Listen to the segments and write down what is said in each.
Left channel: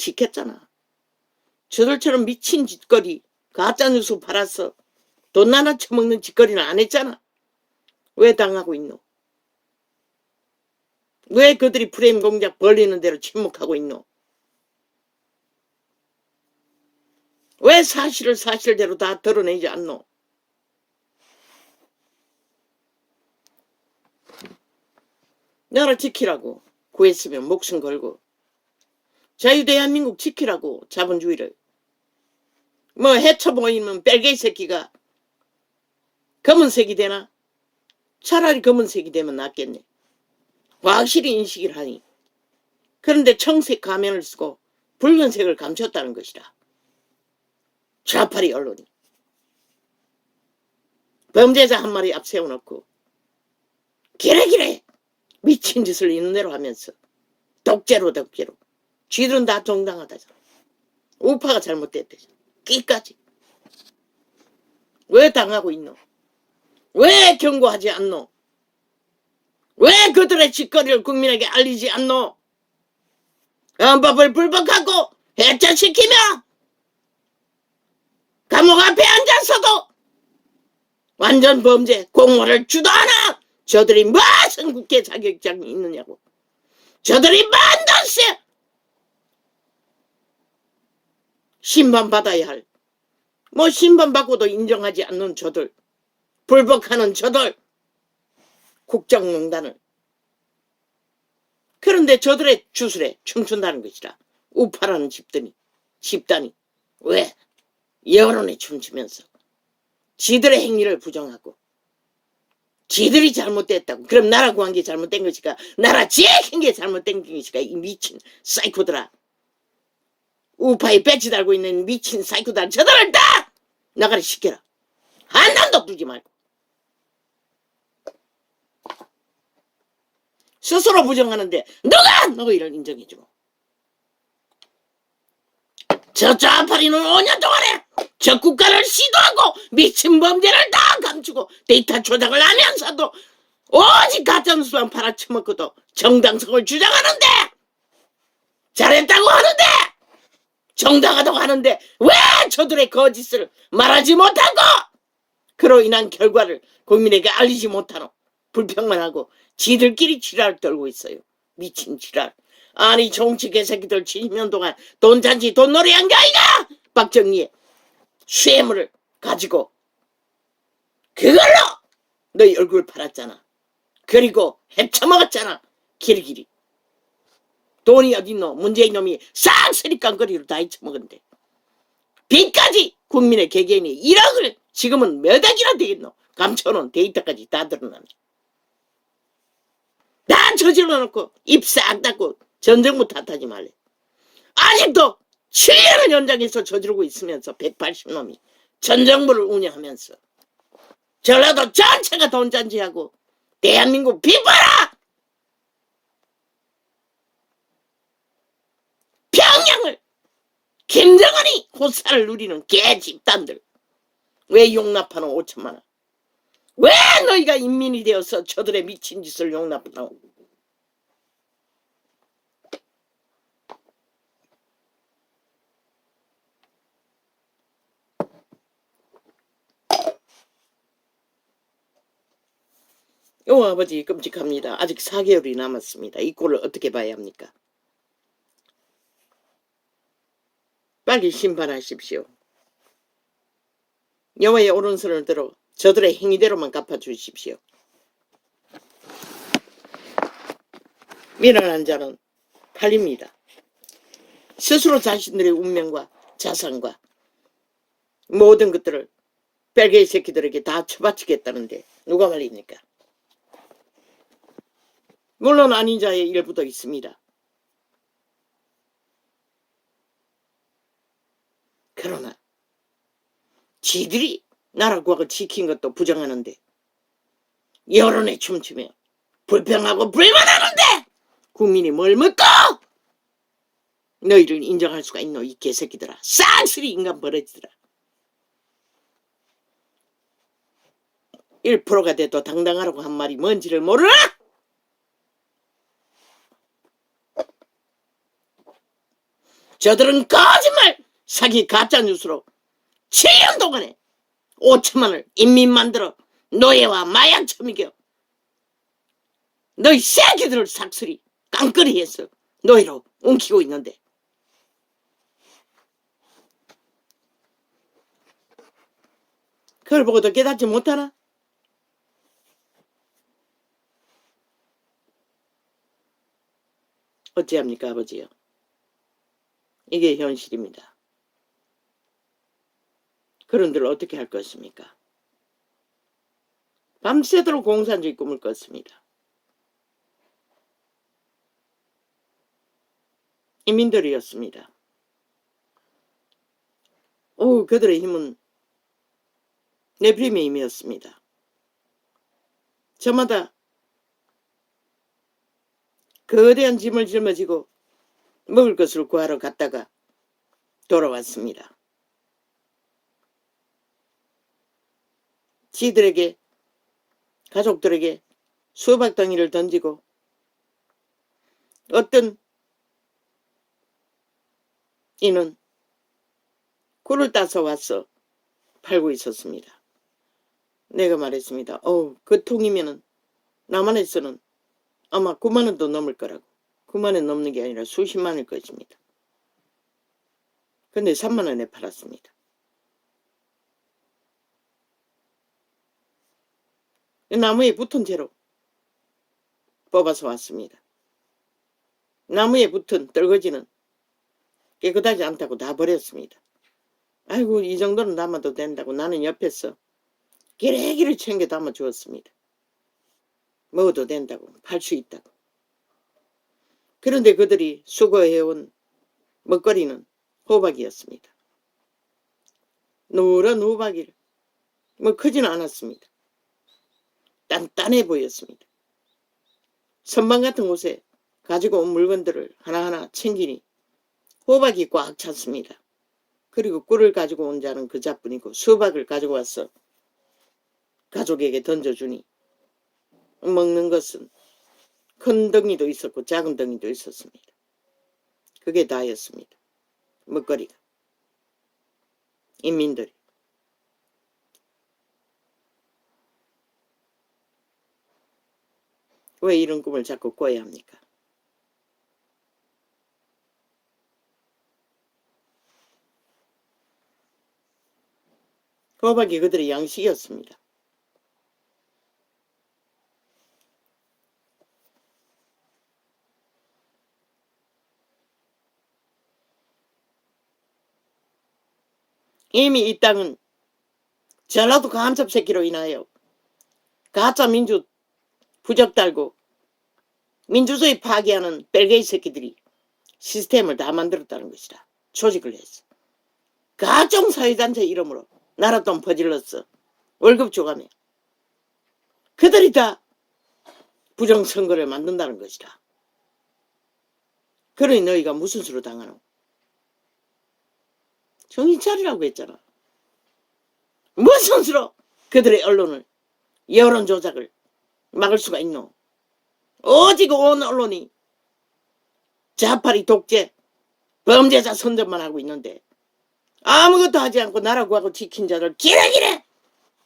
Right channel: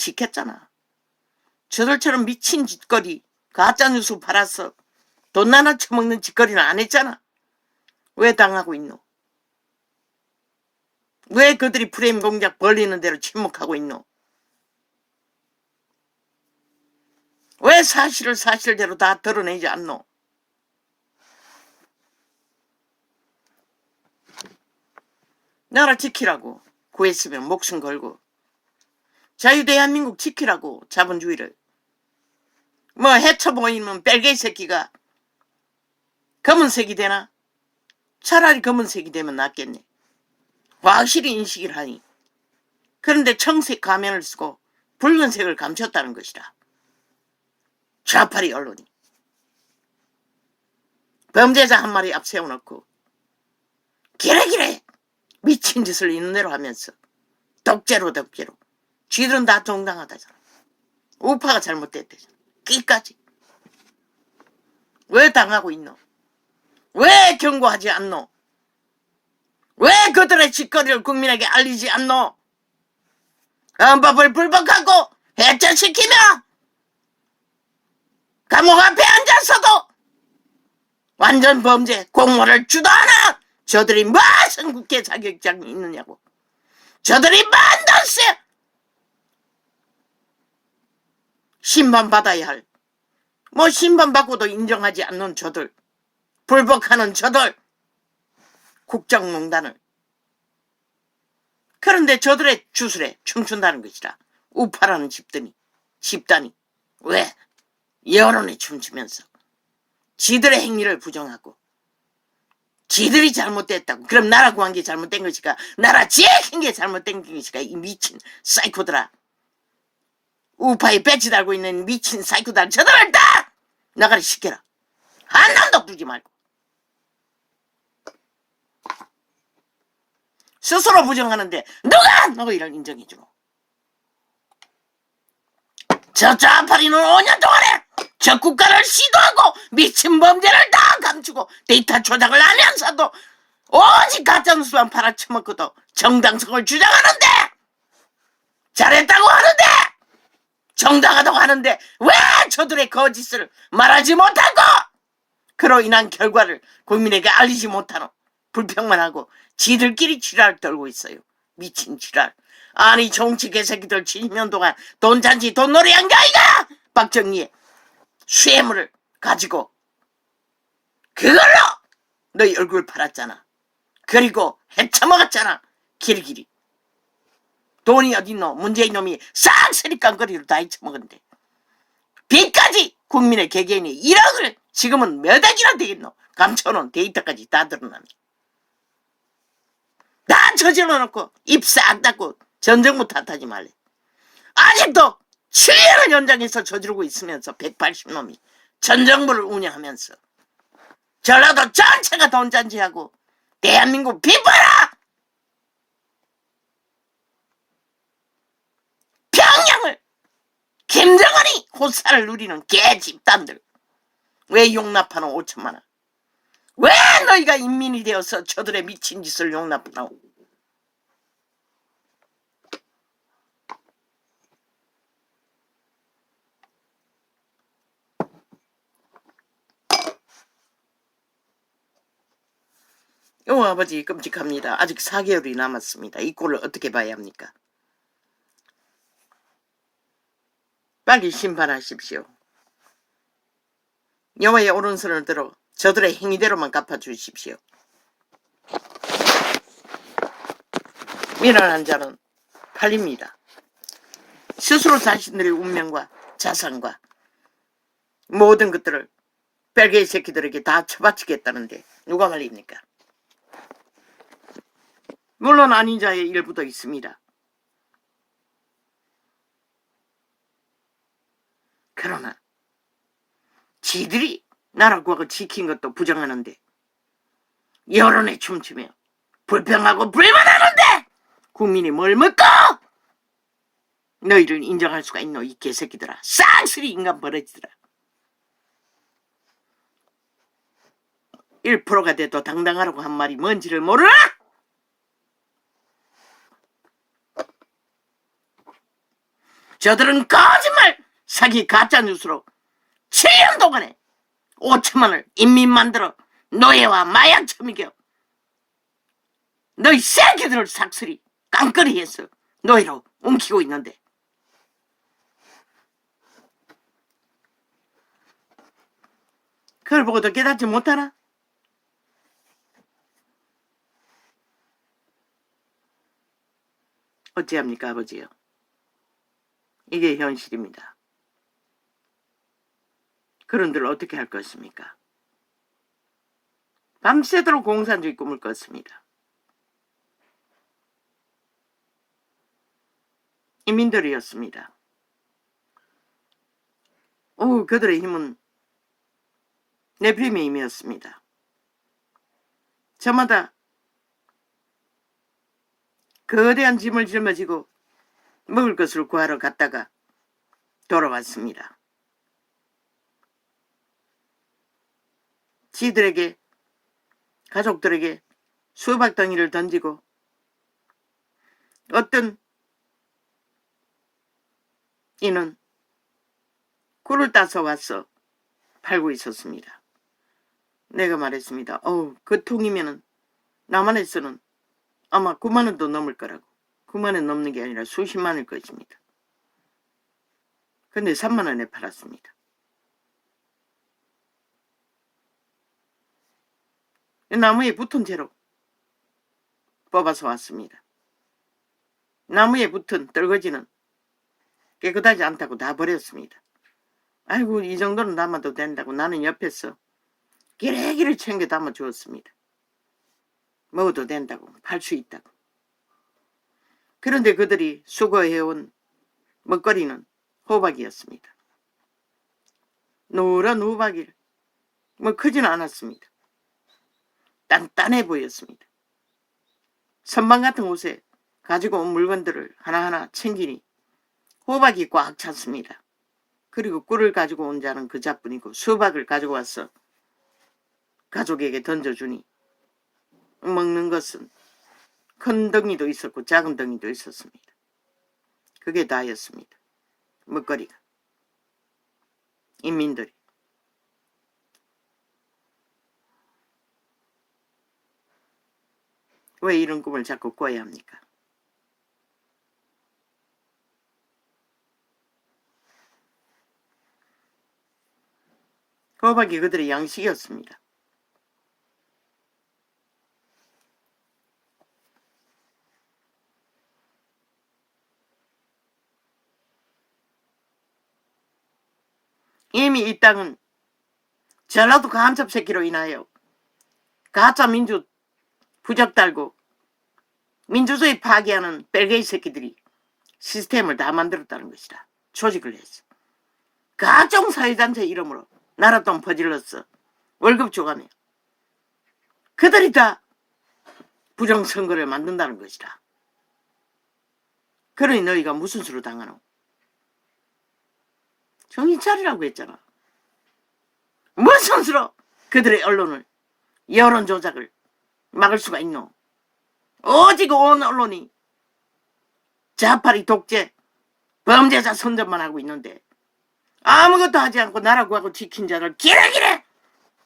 지켰잖아. 저들처럼 미친 짓거리, 가짜뉴스 팔아서 돈 나눠 처먹는 짓거리는 안 했잖아. 왜 당하고 있노? 왜 그들이 프레임 공작 벌리는 대로 침묵하고 있노? 왜 사실을 사실대로 다 드러내지 않노? 나라 지키라고 구했으면 목숨 걸고, 자유대한민국 지키라고 자본주의를. 뭐 해쳐 보이면 빨개 새끼가 검은색이 되나? 차라리 검은색이 되면 낫겠네. 확실히 인식을 하니. 그런데 청색 가면을 쓰고 붉은색을 감췄다는 것이다. 좌파리 언론이. 범죄자 한 마리 앞 세워놓고 기레기레 미친 짓을 있는 대로 하면서 덕제로 쥐들은 다 정당하다잖아. 우파가 잘못됐대잖아. 끝까지. 왜 당하고 있노? 왜 경고하지 않노? 왜 그들의 짓거리를 국민에게 알리지 않노? 헌법을 불법하고 해체시키며 감옥 앞에 앉아서도 완전 범죄 공모를 주도하는 저들이 무슨 국회 자격증이 있느냐고. 저들이 반드시 심판받아야 할, 뭐 심판받고도 인정하지 않는 저들, 불복하는 저들, 국정농단을. 그런데 저들의 주술에 춤춘다는 것이라. 우파라는 집단이 왜 여론에 춤추면서 지들의 행위를 부정하고 지들이 잘못됐다고. 그럼 나라 구한 게 잘못된 것이까? 나라 지킨 게 잘못된 것이까? 이 미친 사이코들아. 우파에 배치 달고 있는 미친 사이코들, 저들을 다 나가리 시켜라. 한 놈도 두지 말고. 스스로 부정하는데 누가 너희를 인정해주노? 저 좌파리는 5년 동안에 저 국가를 시도하고 미친 범죄를 다 감추고 데이터 조작을 하면서도 오직 가짜뉴스만 팔아쳐먹고도 정당성을 주장하는데, 잘했다고 하는데, 정당하다고 하는데 왜 저들의 거짓을 말하지 못하고 그로 인한 결과를 국민에게 알리지 못하노? 불평만 하고 지들끼리 지랄 떨고 있어요. 미친 지랄. 아니 정치 개새끼들 70년 동안 돈잔치 돈놀이한 게 아이가. 박정희의 쇠물을 가지고 그걸로 너희 얼굴 팔았잖아. 그리고 헤쳐먹었잖아. 길길이. 돈이 어딨노? 문재인 놈이 싹쓸이 깡거리로 다 헤쳐먹은데 빚까지 국민의 개개인이 1억을 지금은 몇 억이나 되겠노? 감춰놓은 데이터까지 다 드러나네. 다 저질러놓고 입 싹 닫고 전 정부 탓하지 말래. 아직도 7년을 연장해서 저지르고 있으면서 180놈이 전 정부를 운영하면서 전라도 전체가 돈잔치하고 대한민국 비퍼라! 평양을 김정은이 호사를 누리는 개집단들 왜 용납하노? 5천만 원. 왜 너희가 인민이 되어서 저들의 미친 짓을 용납하노? 요 아버지 끔찍합니다. 아직 4개월이 남았습니다. 이 꼴을 어떻게 봐야 합니까? 빨리 심판하십시오. 여호와의 오른손을 들어 저들의 행위대로만 갚아주십시오. 미련한 자는 팔립니다. 스스로 자신들의 운명과 자산과 모든 것들을 벨게이 새끼들에게 다 처바치겠다는데 누가 말입니까? 물론 아닌 자의 일부도 있습니다. 그러나 지들이 나라 구하고 지킨 것도 부정하는데 여론에 춤추며 불평하고 불만하는데 국민이 뭘 먹고 너희를 인정할 수가 있노? 이 개새끼들아. 쌍스리 인간 버러지들아. 1%가 돼도 당당하라고 한 말이 뭔지를 모르나? 저들은 거짓말, 사기, 가짜뉴스로 7년 동안에 5천만을 인민 만들어 노예와 마약 처먹여 너희 새끼들을 삭슬이 깡그리 해서 노예로 옮기고 있는데 그걸 보고도 깨닫지 못하나? 어찌합니까, 아버지요? 이게 현실입니다. 그런들 어떻게 할 것입니까? 밤새도록 공산주의 꿈을 꿨습니다. 인민들이었습니다. 그들의 힘은 네프림의 힘이었습니다. 저마다 거대한 짐을 짊어지고 먹을 것을 구하러 갔다가 돌아왔습니다. 지들에게, 가족들에게 수박 덩이를 던지고 어떤 이는 꿀을 따서 와서 팔고 있었습니다. 내가 말했습니다. 그 통이면은 남한에서는 아마 9만 원도 넘을 거라고. 9만 원 넘는 게 아니라 수십만 원일 것입니다. 근데 3만 원에 팔았습니다. 나무에 붙은 채로 뽑아서 왔습니다. 나무에 붙은 떨거지는 깨끗하지 않다고 다 버렸습니다. 아이고, 이 정도는 담아도 된다고 나는 옆에서 기레기를 챙겨 담아 주었습니다. 먹어도 된다고, 팔 수 있다고. 그런데 그들이 수거해온 먹거리는 호박이었습니다. 노란 호박이를 크지는 않았습니다. 단단해 보였습니다. 선반 같은 곳에 가지고 온 물건들을 하나하나 챙기니 호박이 꽉 찼습니다. 그리고 꿀을 가지고 온 자는 그 자뿐이고 수박을 가지고 와서 가족에게 던져주니 먹는 것은 큰 덩이도 있었고 작은 덩이도 있었습니다. 그게 다였습니다. 먹거리가. 인민들이. 왜 이런 꿈을 자꾸 꿔야 합니까? 호박이 그들의 양식이었습니다. 이미 이 땅은 전라도 간첩 새끼로 인하여 가짜 민주 부적 달고 민주주의 파괴하는 뺄개이 새끼들이 시스템을 다 만들었다는 것이다. 조직을 했어. 각종 사회단체 이름으로 나라돈 퍼질렀어. 월급 줘가며 그들이 다 부정선거를 만든다는 것이다. 그러니 너희가 무슨 수로 당하노? 정신 차리라고 했잖아. 무슨 수로 그들의 언론을, 여론 조작을 막을 수가 있노? 오직 온 언론이 자파리 독재, 범죄자 선전만 하고 있는데 아무것도 하지 않고 나라 구하고 지킨 자를 기레기레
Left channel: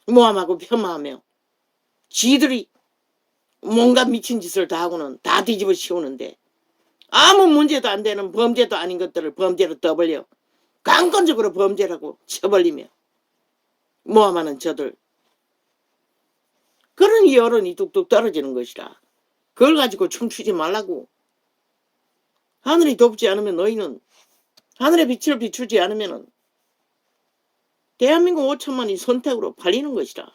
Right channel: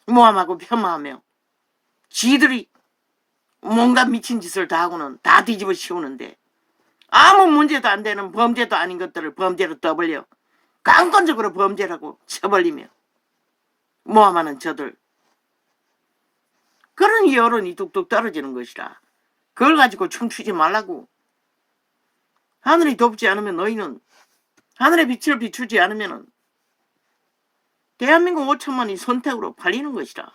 모함하고 폄하하며 지들이 뭔가 미친 짓을 다 하고는 다 뒤집어 씌우는데 아무 문제도 안 되는 범죄도 아닌 것들을 범죄로 떠벌려 강권적으로 범죄라고 쳐벌리며 모함하는 저들. 그런 여론이 뚝뚝 떨어지는 것이라. 그걸 가지고 춤추지 말라고. 하늘이 돕지 않으면 너희는, 하늘의 빛을 비추지 않으면 대한민국 5천만이 선택으로 팔리는 것이라.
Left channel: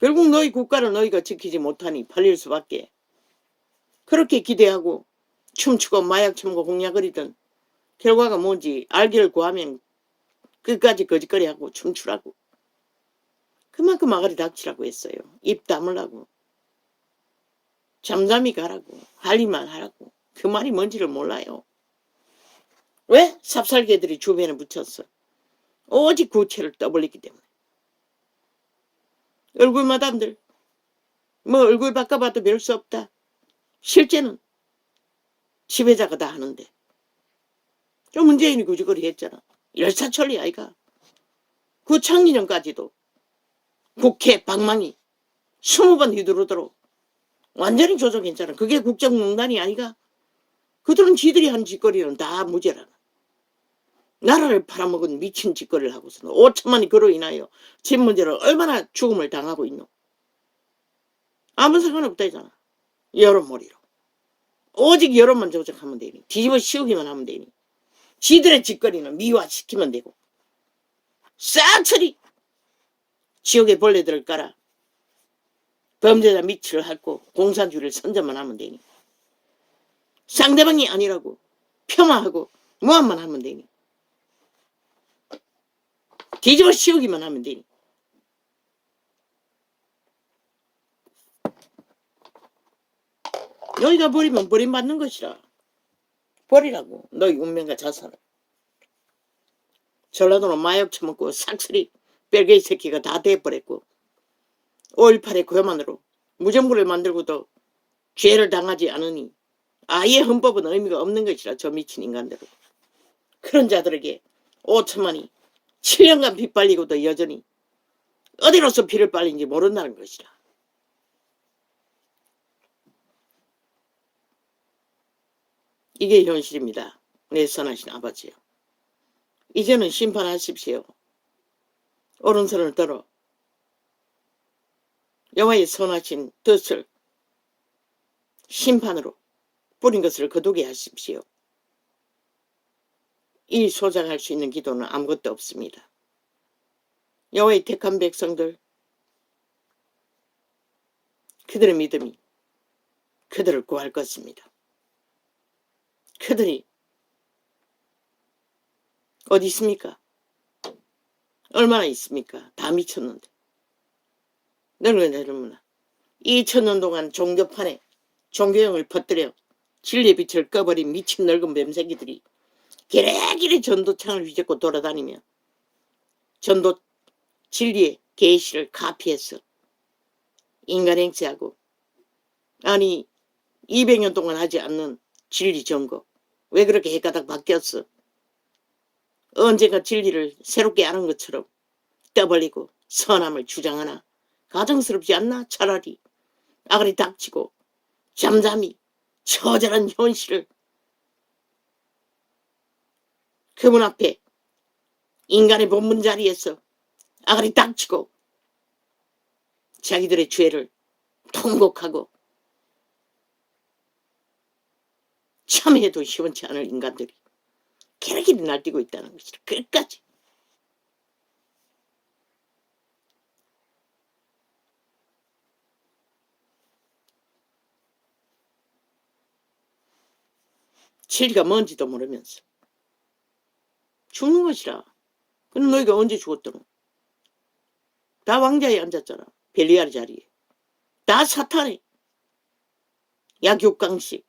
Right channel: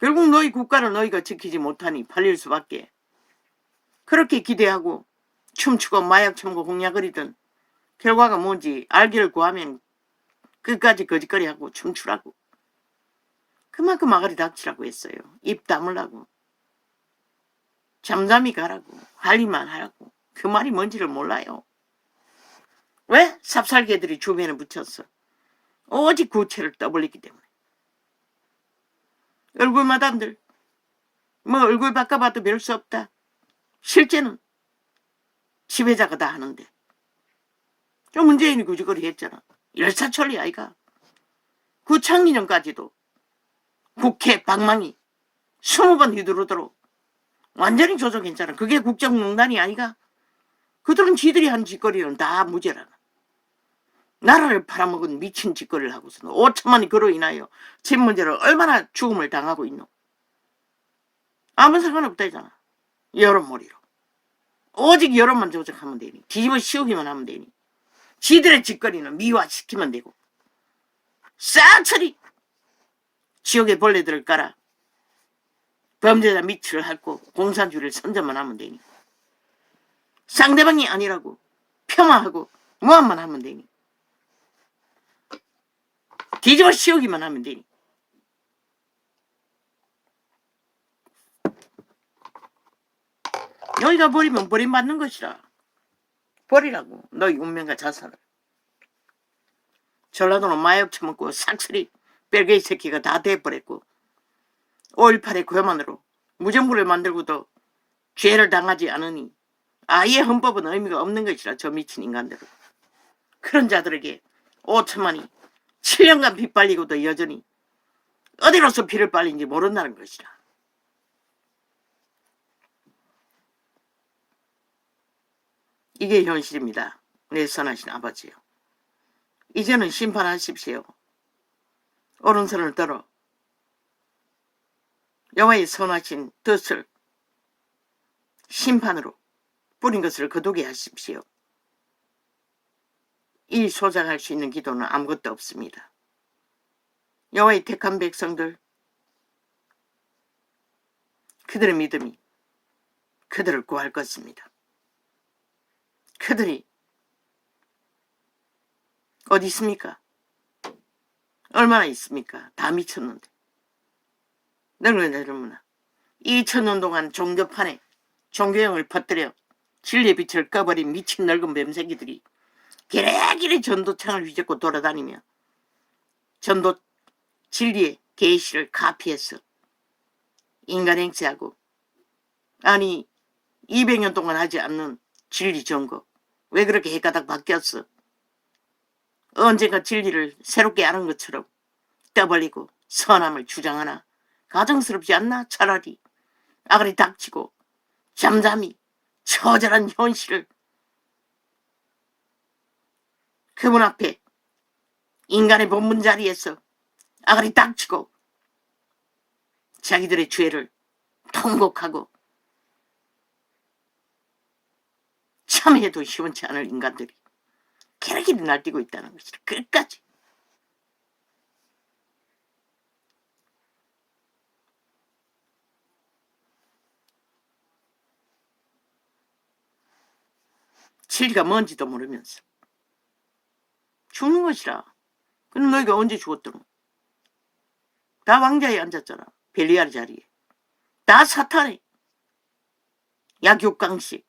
결국 너희 국가를 너희가 지키지 못하니 팔릴 수밖에. 그렇게 기대하고 춤추고 마약 처먹고 공약거리던 결과가 뭔지 알기를 구하면 끝까지 거짓거리하고 춤추라고. 그만큼 아가리 닥치라고 했어요. 입 다물라고. 잠잠히 가라고. 할 일만 하라고. 그 말이 뭔지를 몰라요. 왜? 삽살개들이 주변에 붙였어. 오직 구체를 떠벌리기 때문에. 얼굴 마담들. 뭐 얼굴 바꿔봐도 별 수 없다. 실제는 지배자가 다 하는데. 저 문재인이 그저거리 했잖아. 일사천리 아이가. 그 창리전까지도 국회 방망이 20번 휘두르도록 완전히 조작했잖아. 그게 국정농단이 아이가. 그들은 지들이 한 짓거리는 다 무죄라나. 나라를 팔아먹은 미친 짓거리를 하고서는 5천만이 그로 인하여 집 문제를 얼마나 죽음을 당하고 있노. 아무 상관없다잖아. 여론몰이로. 오직 여론만 조작하면 되니. 뒤집어 씌우기만 하면 되니. 지들의 짓거리는 미화시키면 되고. 싹처리 지옥의 벌레들을 깔아 범죄자 밑을 핥고 공산주의를 선전만 하면 되니. 상대방이 아니라고 폄하하고 모함만 하면 되니. 뒤집어 씌우기만 하면 되니. 여기가 버리면 버림받는 것이라. 버리라고 너희 운명과 자산을. 전라도는 마약 처먹고 싹쓸이 뺄개이 새끼가 다 돼버렸고 5.18의 고요만으로 무정부를 만들고도 죄를 당하지 않으니 아예 헌법은 의미가 없는 것이라. 저 미친 인간들은. 그런 자들에게 5천만이 7년간 피 빨리고도 여전히 어디로서 피를 빨린지 모른다는 것이라. 이게 현실입니다. 내 선하신 아버지요. 이제는 심판하십시오. 오른손을 들어 여호와의 선하신 뜻을 심판으로 뿌린 것을 거두게 하십시오. 이 소작할 수 있는 기도는 아무것도 없습니다. 여호와의 택한 백성들, 그들의 믿음이 그들을 구할 것입니다. 그들이 어디 있습니까? 얼마나 있습니까? 다 미쳤는데. 늙은 젊은아, 2000년 동안 종교판에 종교형을 퍼뜨려 진리의 빛을 꺼버린 미친 늙은 뱀새끼들이 기레기레 전도창을 휘젓고 돌아다니며 전도 진리의 계시를 카피해서 인간행세하고, 아니 200년 동안 하지 않는 진리 점거 왜 그렇게 해가닥 바뀌었어? 언젠가 진리를 새롭게 아는 것처럼 떠벌리고 선함을 주장하나 가정스럽지 않나? 차라리 아가리 닥치고 잠잠히 처절한 현실을 그분 앞에 인간의 본분 자리에서 아가리 닥치고 자기들의 죄를 통곡하고 참해도 시원치 않을 인간들이 기레기를 날뛰고 있다는 것이다. 끝까지. 진리가 뭔지도 모르면서 죽는 것이라. 그럼 너희가 언제 죽었더노? 다 왕자에 앉았잖아. 벨리알 자리에. 다 사탄에 약육강식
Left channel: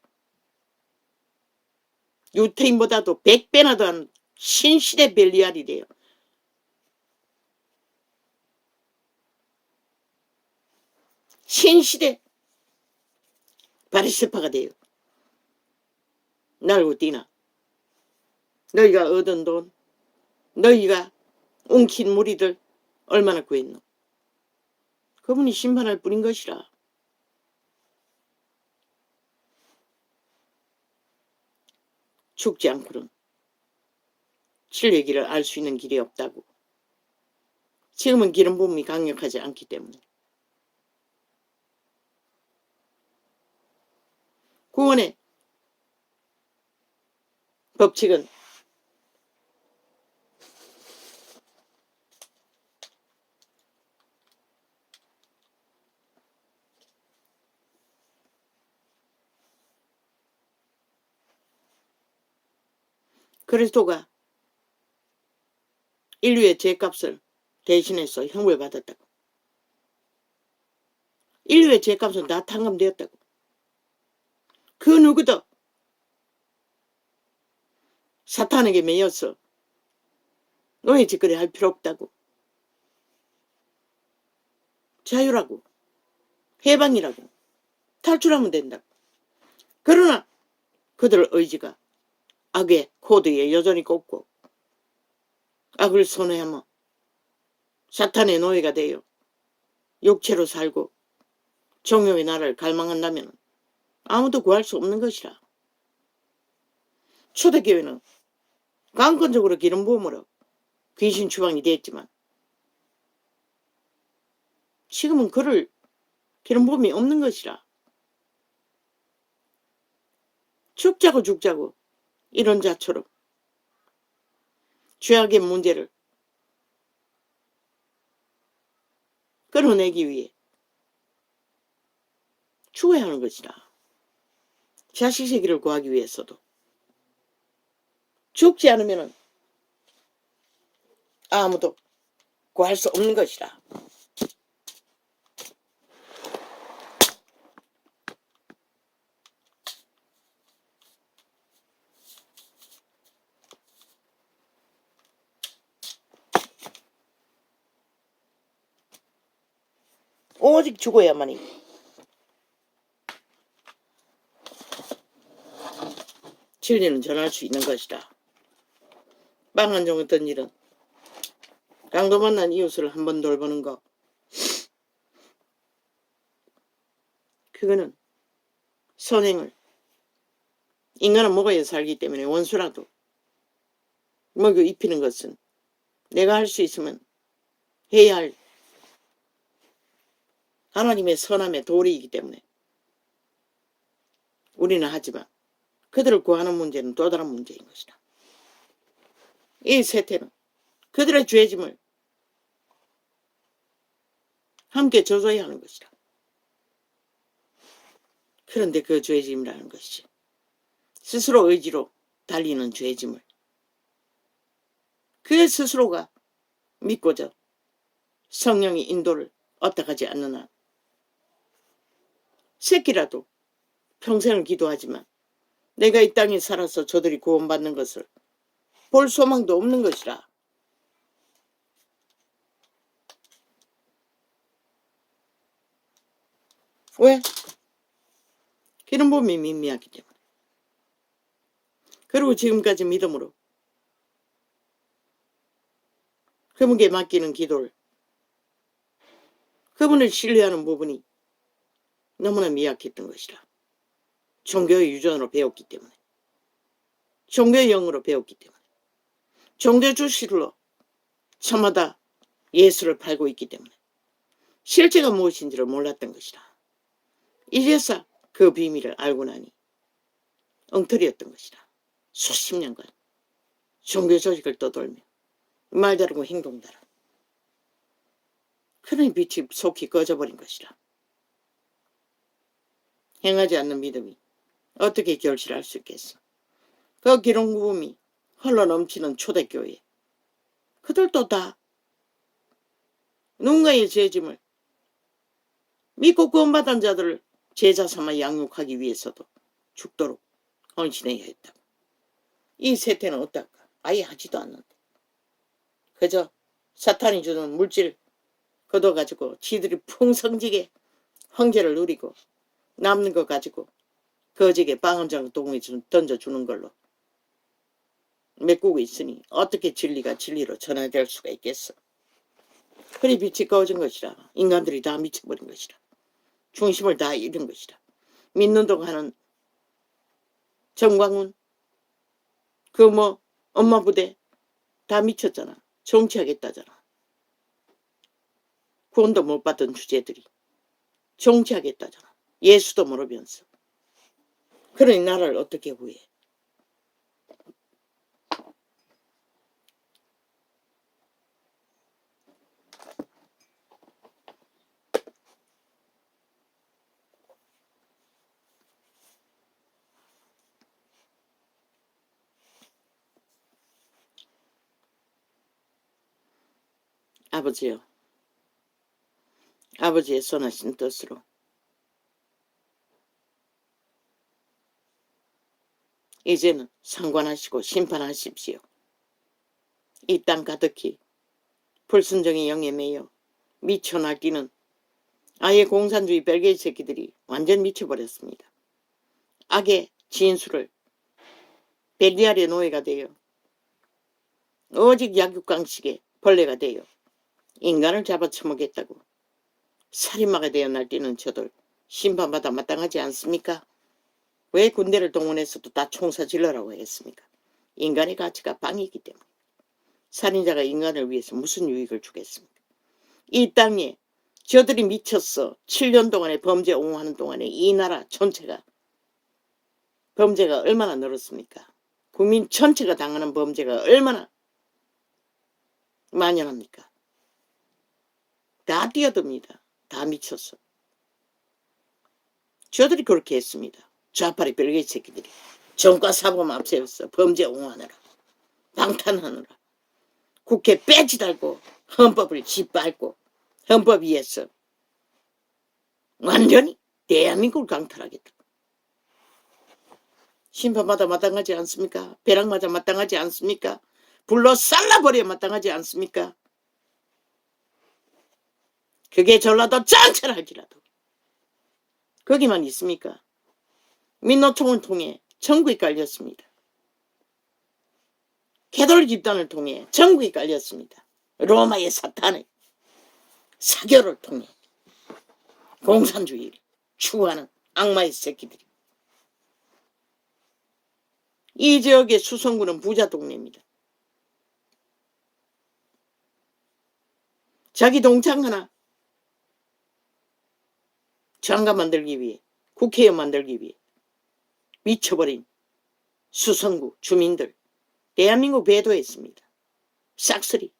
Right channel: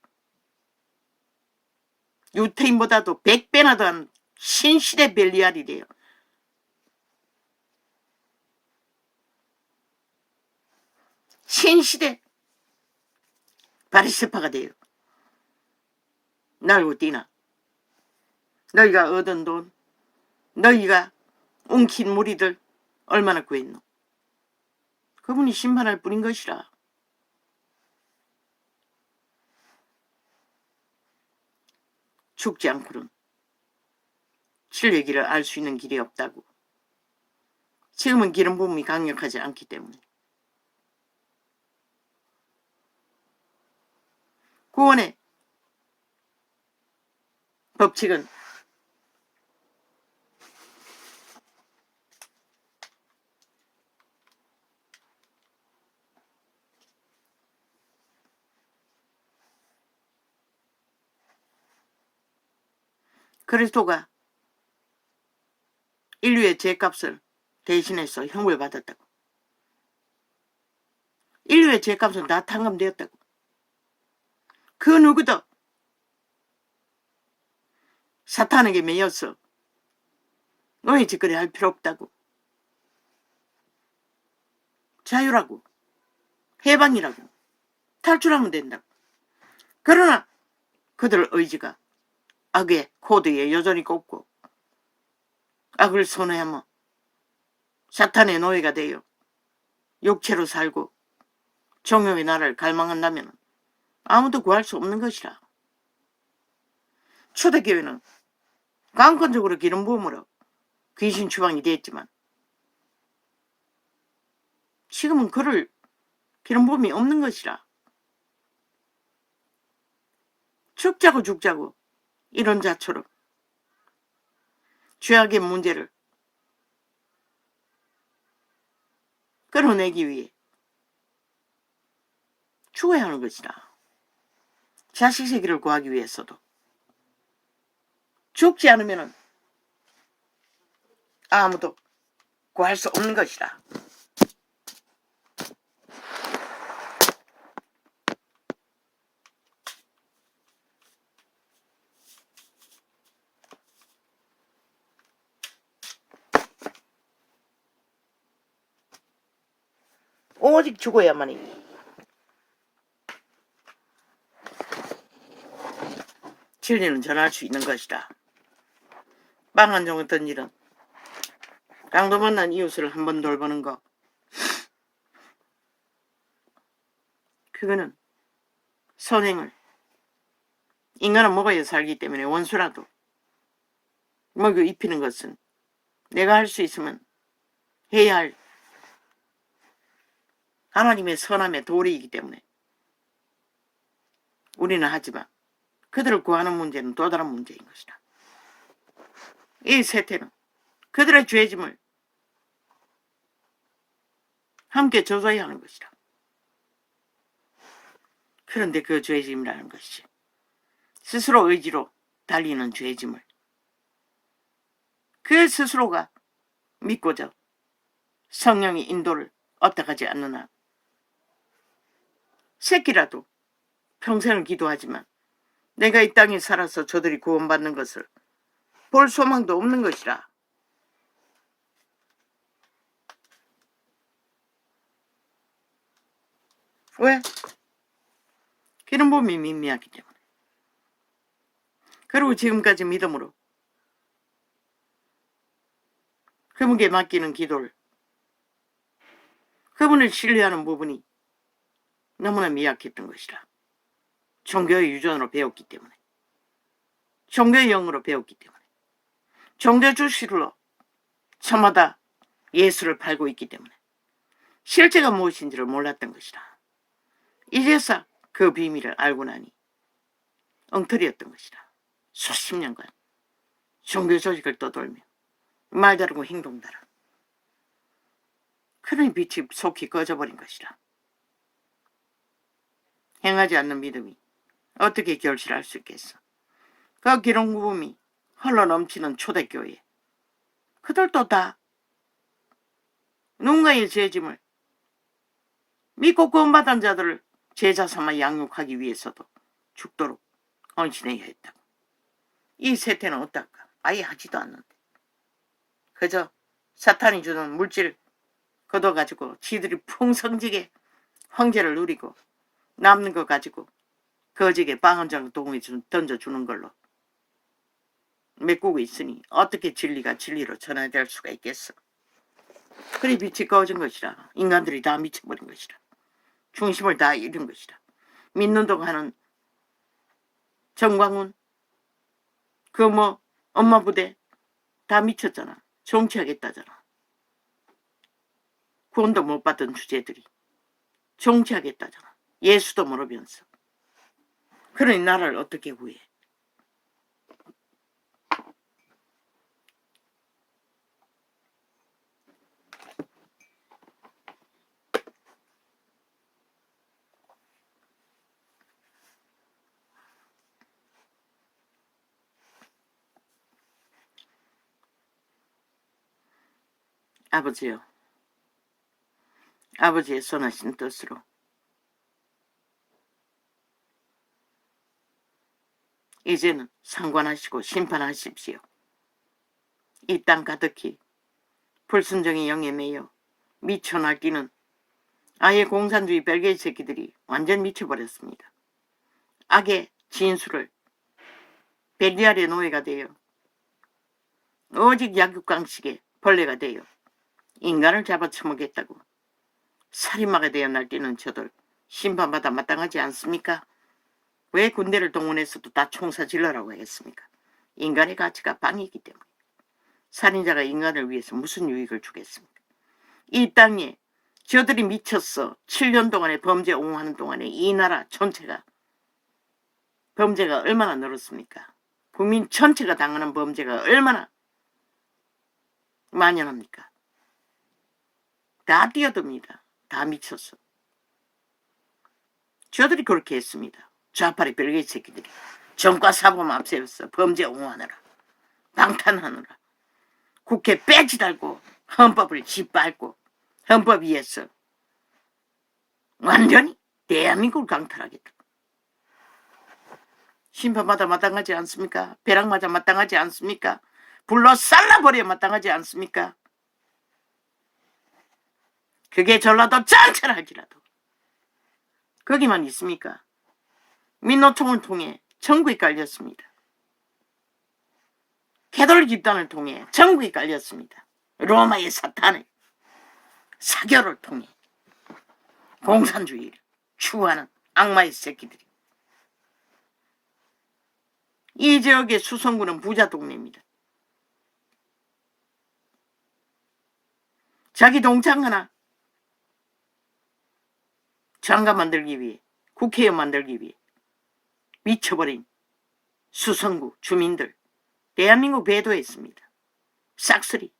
유태인보다도 100배나 더한 신시대 벨리알이래요. 신시대 바리새파가 돼요. 날고 뛰나. 너희가 얻은 돈, 너희가 웅킨 무리들 얼마나 구했노? 그분이 심판할 뿐인 것이라. 죽지 않고는 진리의 길을 알 수 있는 길이 없다고. 지금은 기름 부음이 강력하지 않기 때문에. 구원의 법칙은 그리스도가 인류의 죄값을 대신해서 형벌 받았다고. 인류의 죄값은 다 탕감되었다고. 그 누구도 사탄에게 매여서 노예 짓거리 할 필요 없다고. 자유라고. 해방이라고. 탈출하면 된다고. 그러나 그들 의지가 악의 코드에 여전히 꼽고 악을 선회하며 사탄의 노예가 되어 육체로 살고 종교의 나라를 갈망한다면 아무도 구할 수 없는 것이라. 초대교회는 강권적으로 기름 부음으로 귀신 추방이 됐지만 지금은 그럴 기름 부음이 없는 것이라. 죽자고 이런 자처럼 죄악의 문제를 끌어내기 위해 죽어야 하는 것이라. 자식 새끼를 구하기 위해서도 죽지 않으면 아무도 구할 수 없는 것이라. 오직 죽어야만이 진리는 전할 수 있는 것이라. 빵 한 종 어떤 일은 강도 만난 이웃을 한번 돌보는 거, 그거는 선행을, 인간은 먹어야 살기 때문에 원수라도 먹여 입히는 것은 내가 할 수 있으면 해야 할 하나님의 선함의 도리이기 때문에 우리는 하지만 그들을 구하는 문제는 또 다른 문제인 것이다. 이 세태는 그들의 죄짐을 함께 져줘야 하는 것이다. 그런데 그 죄짐이라는 것이 스스로 의지로 달리는 죄짐을 그 스스로가 믿고자 성령의 인도를 얻어가지 않는 한 새끼라도 평생을 기도하지만 내가 이 땅에 살아서 저들이 구원받는 것을 볼 소망도 없는 것이라. 왜? 기름 부음이 미미하기 때문에. 그리고 지금까지 믿음으로 그분께 맡기는 기도를, 그분을 신뢰하는 부분이 너무나 미약했던 것이라. 종교의 유전으로 배웠기 때문에, 종교의 영으로 배웠기 때문에, 종교 주식으로 저마다 예수를 팔고 있기 때문에 실제가 무엇인지를 몰랐던 것이라. 이제서 그 비밀을 알고 나니 엉터리였던 것이라. 수십 년간 종교 조직을 떠돌며 말 다르고 행동 다르, 그런 빛이 속히 꺼져버린 것이라. 행하지 않는 믿음이 어떻게 결실할 수 있겠어. 그 기름 부음이 흘러 넘치는 초대교회, 그들도 다 누군가의 죄짐을 믿고 구원받은 자들을 제자 삼아 양육하기 위해서도 죽도록 헌신해야 했다고. 이 세태는 어떨까? 아예 하지도 않는데 그저 사탄이 주는 물질 걷어가지고 지들이 풍성지게 황제를 누리고 남는 거 가지고 거지게 빵 한 장 동에 던져주는 걸로 메꾸고 있으니 어떻게 진리가 진리로 전해질 수가 있겠어. 그리 빛이 꺼진 것이라. 인간들이 다 미쳐버린 것이라. 중심을 다 잃은 것이라. 믿는다고 하는 정광훈, 그 엄마 부대 다 미쳤잖아. 정치하겠다잖아. 구원도 못 받은 주제들이 정치하겠다잖아. 예수도 모르면서. 그러니 나라를 어떻게 구해? 아버지요, 아버지의 선하신 뜻으로 이제는 상관하시고 심판하십시오. 이 땅 가득히 불순종의 영에 매여 미쳐 날뛰는 아예 공산주의 별개의 새끼들이 완전 미쳐버렸습니다. 악의 진수를 벨리알의 노예가 되어 오직 약육강식의 벌레가 되어 인간을 잡아쳐먹겠다고 살인마가 되어 날뛰는 저들 심판받아 마땅하지 않습니까? 왜 군대를 동원해서도 다 총사 질러라고 했습니까? 인간의 가치가 방이기 때문에. 살인자가 인간을 위해서 무슨 유익을 주겠습니까? 이 땅에 저들이 미쳤어. 7년 동안에 범죄 옹호하는 동안에 이 나라 전체가 범죄가 얼마나 늘었습니까? 국민 전체가 당하는 범죄가 얼마나 만연합니까? 다 뛰어듭니다. 다 미쳤어. 저들이 그렇게 했습니다. 좌파리 별개 새끼들이 정과 사범 앞세웠어. 범죄 옹호하느라 방탄하느라 국회 배지 달고 헌법을 짓밟고 헌법 위에서 완전히 대한민국을 강탈하겠다. 심판마다 마땅하지 않습니까? 벼락마다 마땅하지 않습니까? 불로 쌀라버려 마땅하지 않습니까? 그게 전라도 짱찰할지라도 거기만 있습니까? 민노총을 통해 전국에 깔렸습니다. 캐톨릭 집단을 통해 전국에 깔렸습니다. 로마의 사탄의 사교를 통해 공산주의를 추구하는 악마의 새끼들이. 이 지역의 수성구는 부자 동네입니다. 자기 동창 하나 장관 만들기 위해, 국회의원 만들기 위해 미쳐버린 수성구 주민들 대한민국 배도했습니다. 싹쓸이.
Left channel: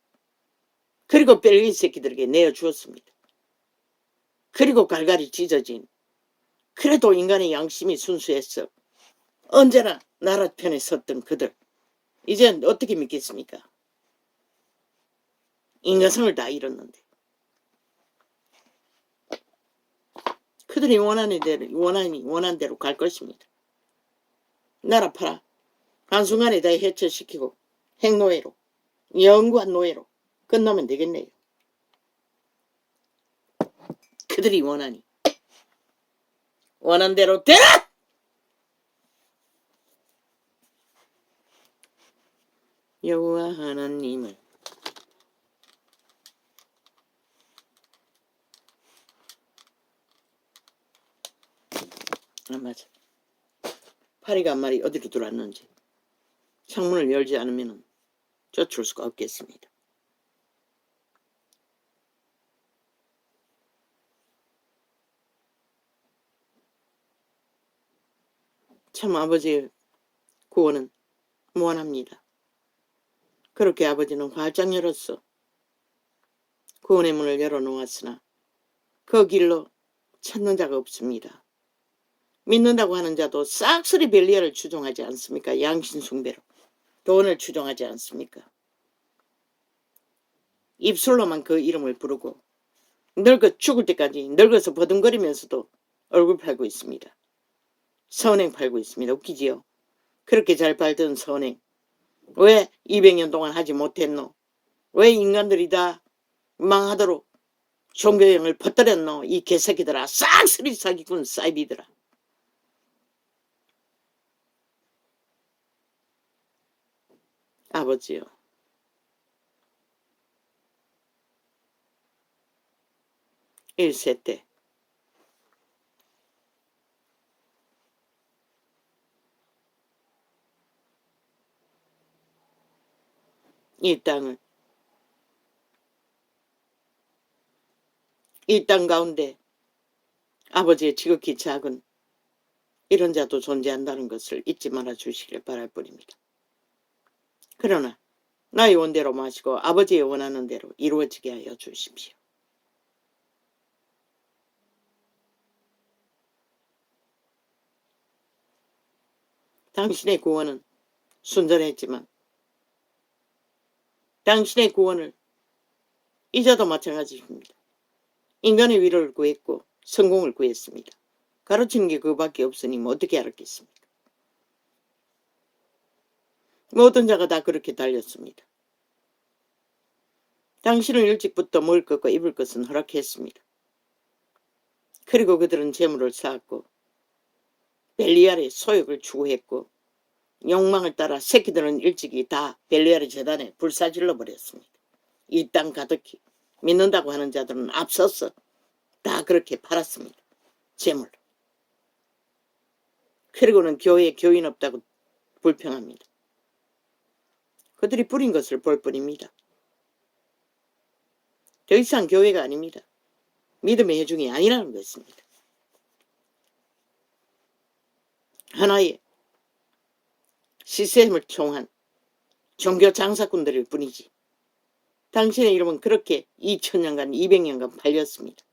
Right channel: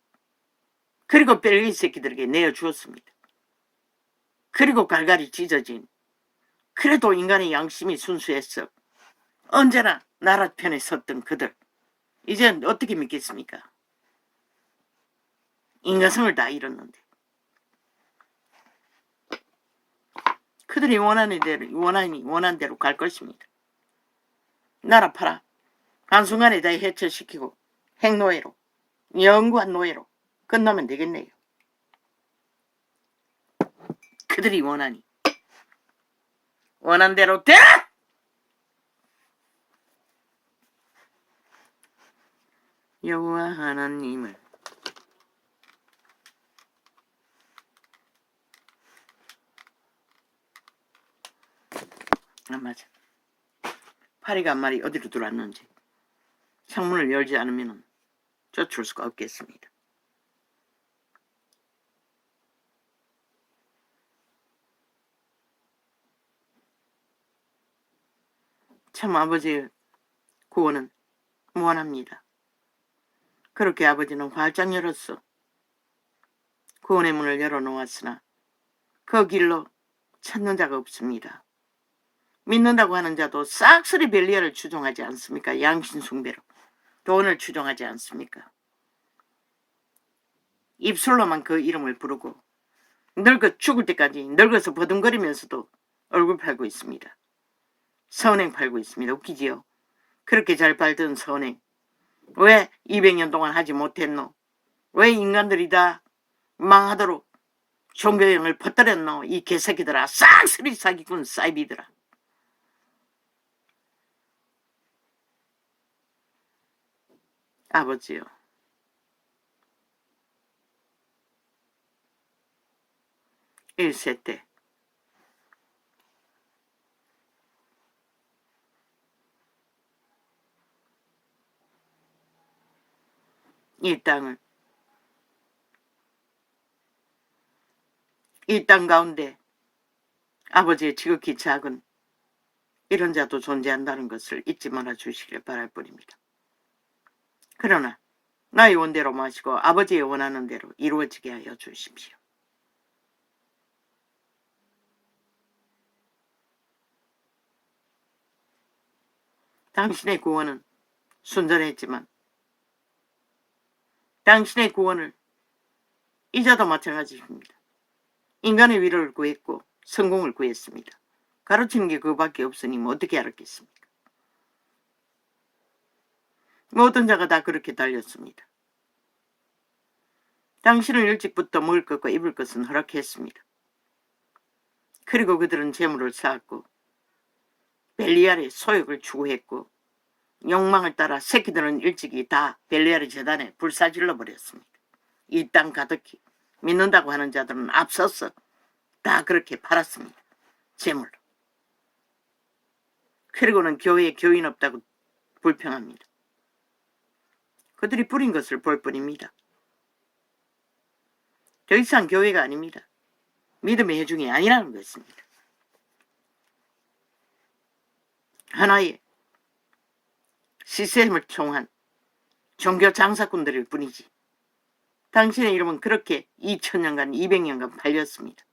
그리고 벨리 새끼들에게 내어주었습니다. 그리고 갈갈이 찢어진, 그래도 인간의 양심이 순수했어. 언제나 나라 편에 섰던 그들 이제 어떻게 믿겠습니까? 인간성을 다 잃었는데. 그들이 원하는 대로 갈 것입니다. 나라 팔아 한순간에 다 해체시키고 핵노예로, 영구한 노예로 끝나면 되겠네요. 그들이 원하니 원한 대로 되라! 여호와 하나님을 맞아. 파리가 한 마리 어디로 들어왔는지 창문을 열지 않으면 쫓을 수가 없겠습니다. 참 아버지의 구원은 무한합니다. 그렇게 아버지는 활짝 열었어. 구원의 문을 열어놓았으나 그 길로 찾는 자가 없습니다. 믿는다고 하는 자도 싹쓸이 벨리알을 추종하지 않습니까? 양신숭배로 돈을 추종하지 않습니까? 입술로만 그 이름을 부르고 늙어 죽을 때까지 늙어서 버둥거리면서도 얼굴 팔고 있습니다. 선행 팔고 있습니다. 웃기지요? 그렇게 잘 팔던 선행 왜 200년 동안 하지 못했노? 왜 인간들이 다 망하도록 종교형을 퍼뜨렸노? 이 개새끼들아, 싹쓸이 사기꾼 사이비들아. 아버지요, 1세 때 이 땅을, 이 땅 가운데 아버지의 지극히 작은 이런 자도 존재한다는 것을 잊지 말아 주시길 바랄 뿐입니다. 그러나 나의 원대로 마시고 아버지의 원하는 대로 이루어지게 하여 주십시오. 당신의 구원은 순전했지만 당신의 구원을 이자도 마찬가지입니다. 인간의 위로를 구했고 성공을 구했습니다. 가르치는 게 그거밖에 없으니 뭐 어떻게 알았겠습니까? 모든 자가 다 그렇게 달렸습니다. 당신은 일찍부터 먹을 것과 입을 것은 허락했습니다. 그리고 그들은 재물을 쌓았고 벨리알의 소욕을 추구했고 욕망을 따라 새끼들은 일찍이 다 벨리아르 재단에 불사질러 버렸습니다. 이 땅 가득히 믿는다고 하는 자들은 앞서서 다 그렇게 팔았습니다. 제물로. 그리고는 교회에 교인 없다고 불평합니다. 그들이 뿌린 것을 볼 뿐입니다. 더 이상 교회가 아닙니다. 믿음의 회중이 아니라는 것입니다. 하나의 시스템을 통한 종교 장사꾼들일 뿐이지. 당신의 이름은 그렇게 2000년간 200년간 팔렸습니다.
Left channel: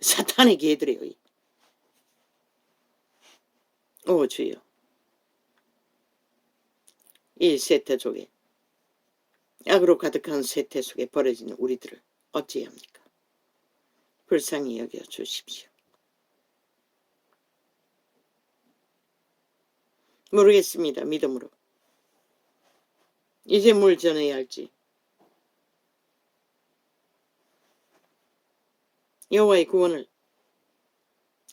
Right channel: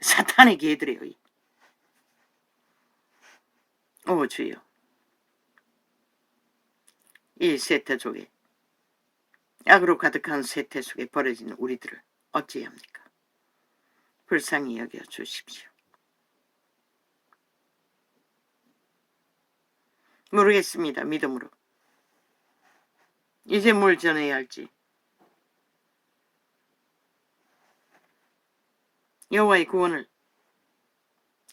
사탄의 개들에 의해. 오 주여, 이 세태 속에, 악으로 가득한 세태 속에 버려진 우리들을 어찌합니까? 불쌍히 여겨 주십시오. 모르겠습니다. 믿음으로 이제 뭘 전해야 할지. 여호와의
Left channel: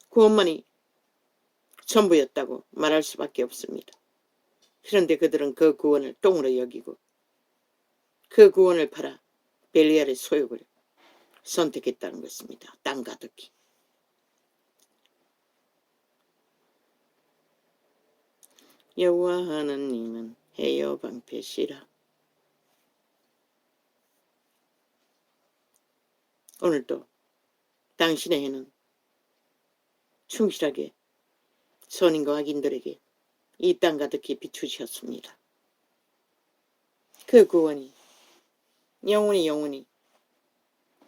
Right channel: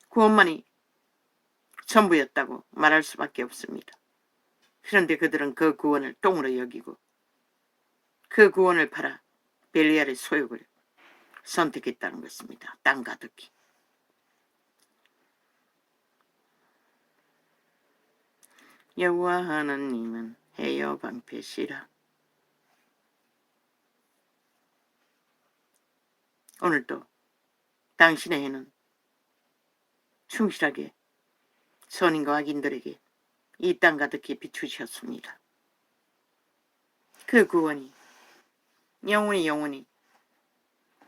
구원만이 전부였다고 말할 수밖에 없습니다. 그런데 그들은 그 구원을 똥으로 여기고 그 구원을 팔아 벨리알의 소욕을 선택했다는 것입니다. 땅 가득히. 여호와 하나님은 해여 방패시라. 오늘도 당신의 해는 충실하게 선인과 악인들에게 이 땅 가득히 비추셨습니다. 그 구원이 영원히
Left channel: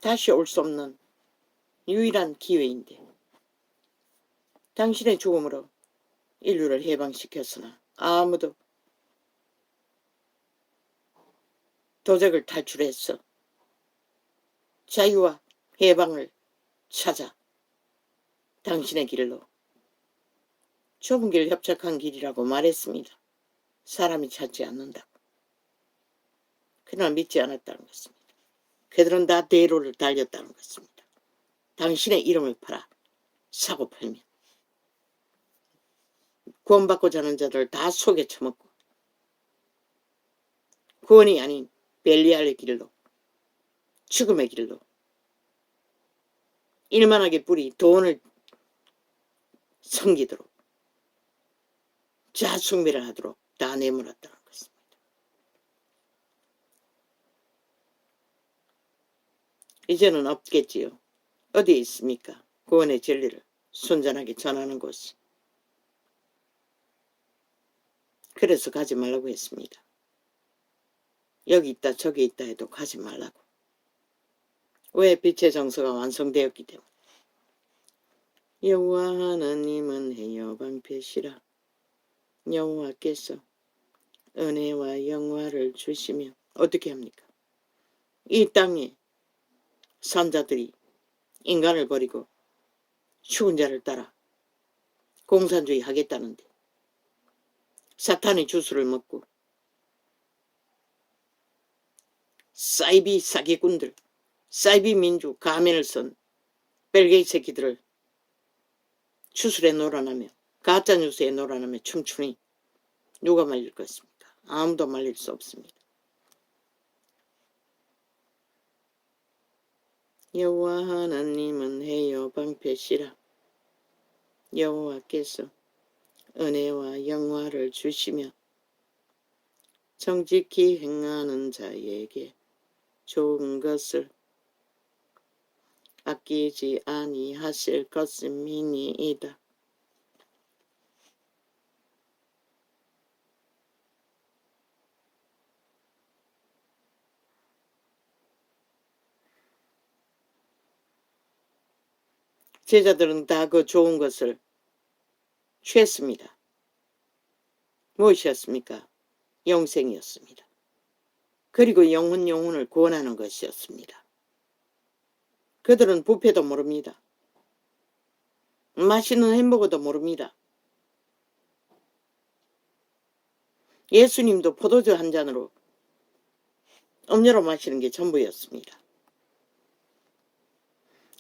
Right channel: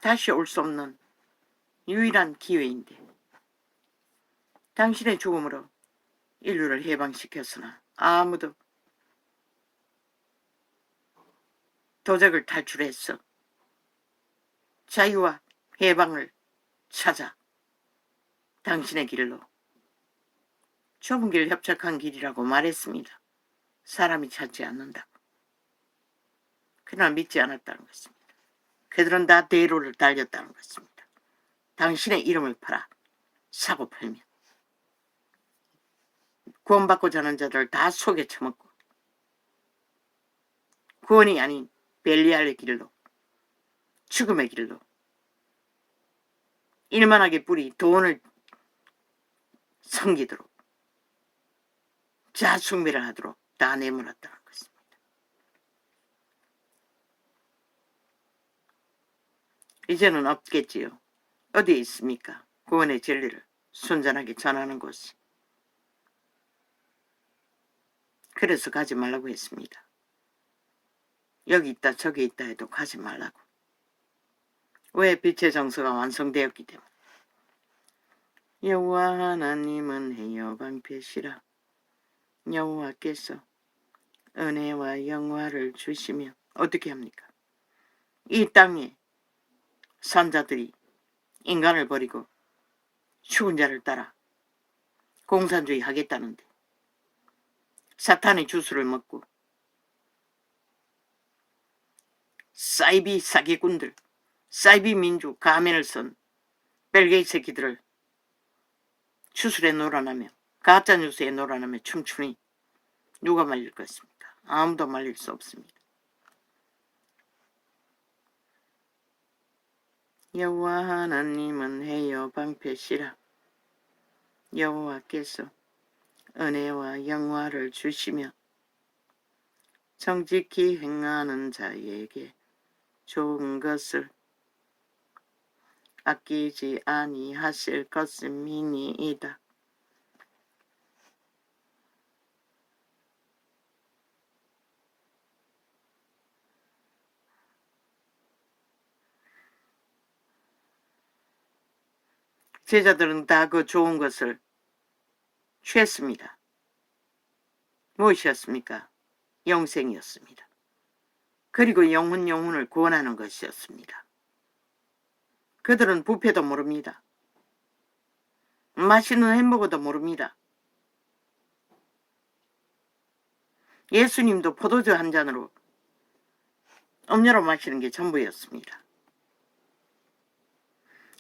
다시 올 수 없는 유일한 기회인데 당신의 죽음으로 인류를 해방시켰으나 아무도 도적을 탈출해서 자유와 해방을 찾아 당신의 길로 좁은 길 협착한 길이라고 말했습니다. 사람이 찾지 않는다고. 그러나 믿지 않았다는 것입니다. 그들은 다 대로를 달렸다는 것입니다. 당신의 이름을 팔아 사고 팔면 구원받고자 하는 자들을 다 속에 처먹고 구원이 아닌 벨리알의 길로, 죽음의 길로 일만하게 뿌리 돈을 섬기도록 자숭배를 하도록 다 내몰았다는 것입니다. 이제는 없겠지요. 어디에 있습니까? 구원의 진리를 순전하게 전하는 곳이. 그래서 가지 말라고 했습니다. 여기 있다 저기 있다 해도 가지 말라고. 왜? 빛의 정서가 완성되었기 때문에. 여호와 하나님은 해여 방패시라. 여호와께서 은혜와 영화를 주시며 어떻게 합니까? 이 땅에 선자들이 인간을 버리고 죽은 자를 따라 공산주의 하겠다는데 사탄의 주스를 먹고 사이비 사기꾼들, 사이비 민주 가면을 쓴 벨게이 새끼들을 추술에 놀아나며 가짜뉴스에 놀아나며 춤추니 누가 말릴 것입니까? 아무도 말릴 수 없습니다. 여호와 하나님은 해여 방패시라. 여호와께서 은혜와 영화를 주시며 정직히 행하는 자에게 좋은 것을 아끼지 아니하실 것임이니이다. 제자들은 다 그 좋은 것을 취했습니다. 무엇이었습니까? 영생이었습니다. 그리고 영혼을 구원하는 것이었습니다. 그들은 뷔페도 모릅니다. 맛있는 햄버거도 모릅니다. 예수님도 포도주 한 잔으로 음료로 마시는 게 전부였습니다.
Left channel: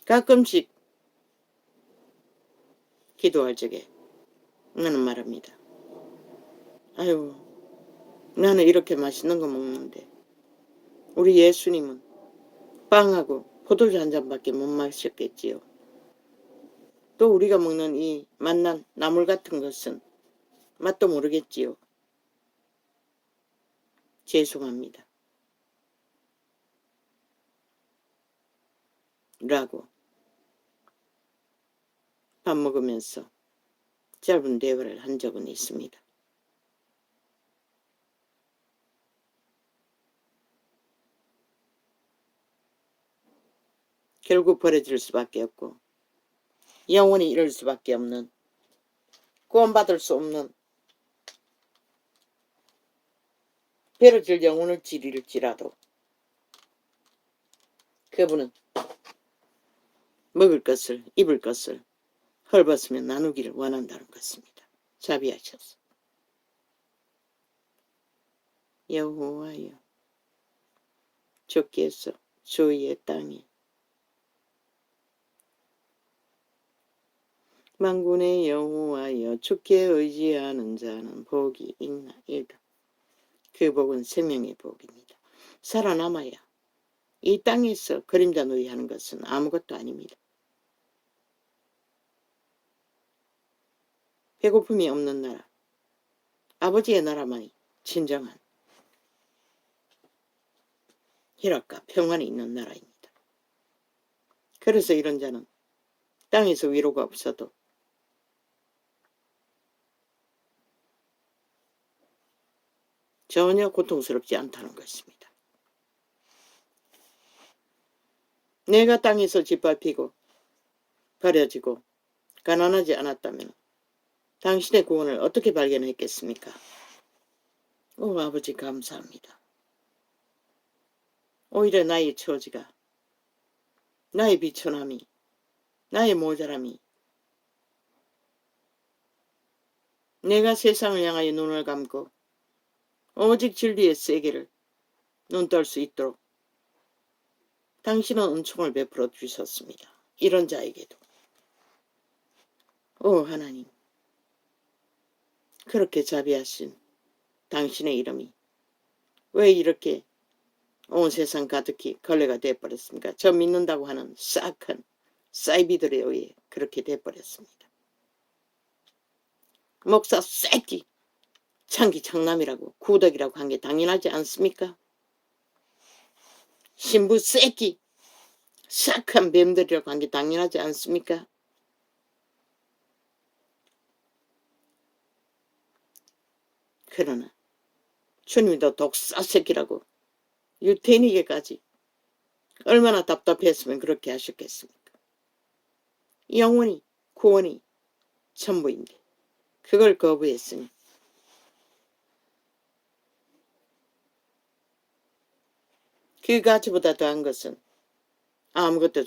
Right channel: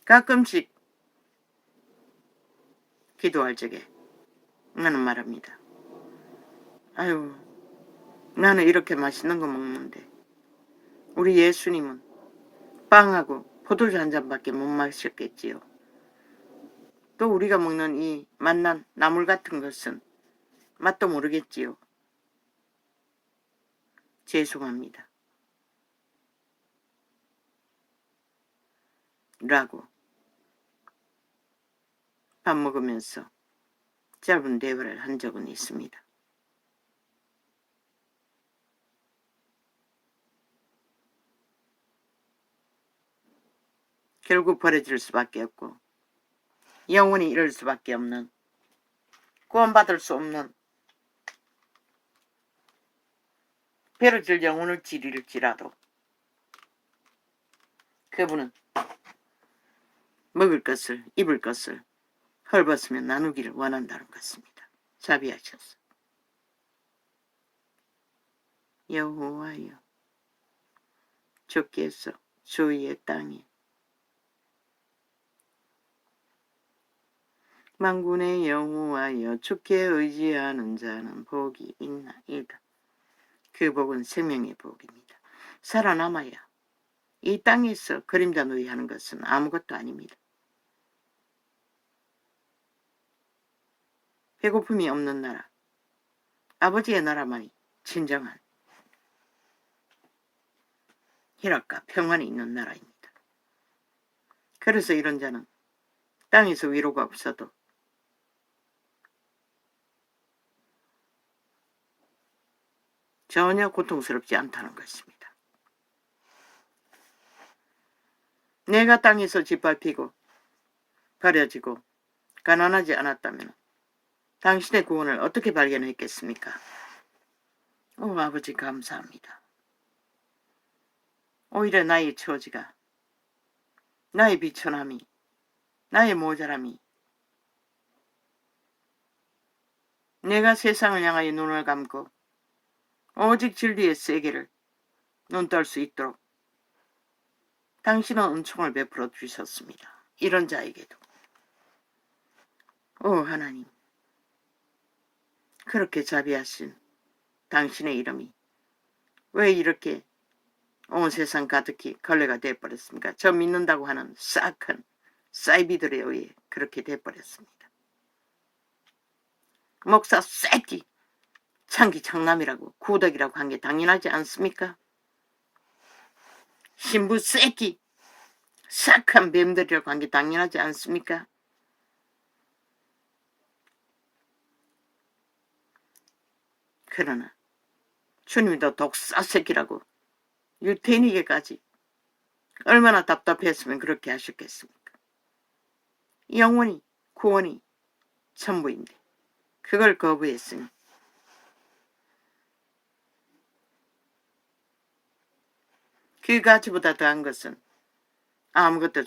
가끔씩 기도할 적에 나는 말합니다. 아유, 나는 이렇게 맛있는 거 먹는데 우리 예수님은 빵하고 포도주 한 잔밖에 못 마셨겠지요. 또 우리가 먹는 이 맛난 나물 같은 것은 맛도 모르겠지요. 죄송합니다. 라고 밥 먹으면서 짧은 대화를 한 적은 있습니다. 결국 버려질 수밖에 없고 영원히 이럴 수밖에 없는, 구원받을 수 없는, 베어질 영혼을 지릴지라도 그분은 먹을 것을, 입을 것을 헐벗으며 나누기를 원한다는 것입니다. 자비하셔서 여호와여 주께서 주의 땅에 만군의 여호와여 주께 의지하는 자는 복이 있나이다. 그 복은 생명의 복입니다. 살아남아야 이 땅에서 그림자 누이하는 것은 아무것도 아닙니다. 배고픔이 없는 나라, 아버지의 나라만이 진정한 희락과 평안이 있는 나라입니다. 그래서 이런 자는 땅에서 위로가 없어도 전혀 고통스럽지 않다는 것입니다. 내가 땅에서 짓밟히고 버려지고 가난하지 않았다면 당신의 구원을 어떻게 발견했겠습니까? 오 아버지 감사합니다. 오히려 나의 처지가, 나의 비천함이, 나의 모자람이, 내가 세상을 향하여 눈을 감고 오직 진리의 세계를 눈떨 수 있도록 당신은 은총을 베풀어 주셨습니다. 이런 자에게도. 오 하나님, 그렇게 자비하신 당신의 이름이 왜 이렇게 온 세상 가득히 걸레가 돼버렸습니까? 저 믿는다고 하는 싹한 사이비들에 의해 그렇게 돼버렸습니다. 목사 새끼, 창기 창남이라고 구덕이라고 한 게 당연하지 않습니까? 신부 새끼, 싹한 뱀들이라고 한 게 당연하지 않습니까? 그러나 주님이 더 독사 새끼라고 유태인에게까지 얼마나 답답했으면 그렇게 하셨겠습니까? 영원히 구원이 전부인데 그걸 거부했으니 그 가치보다 더한 것은 아무것도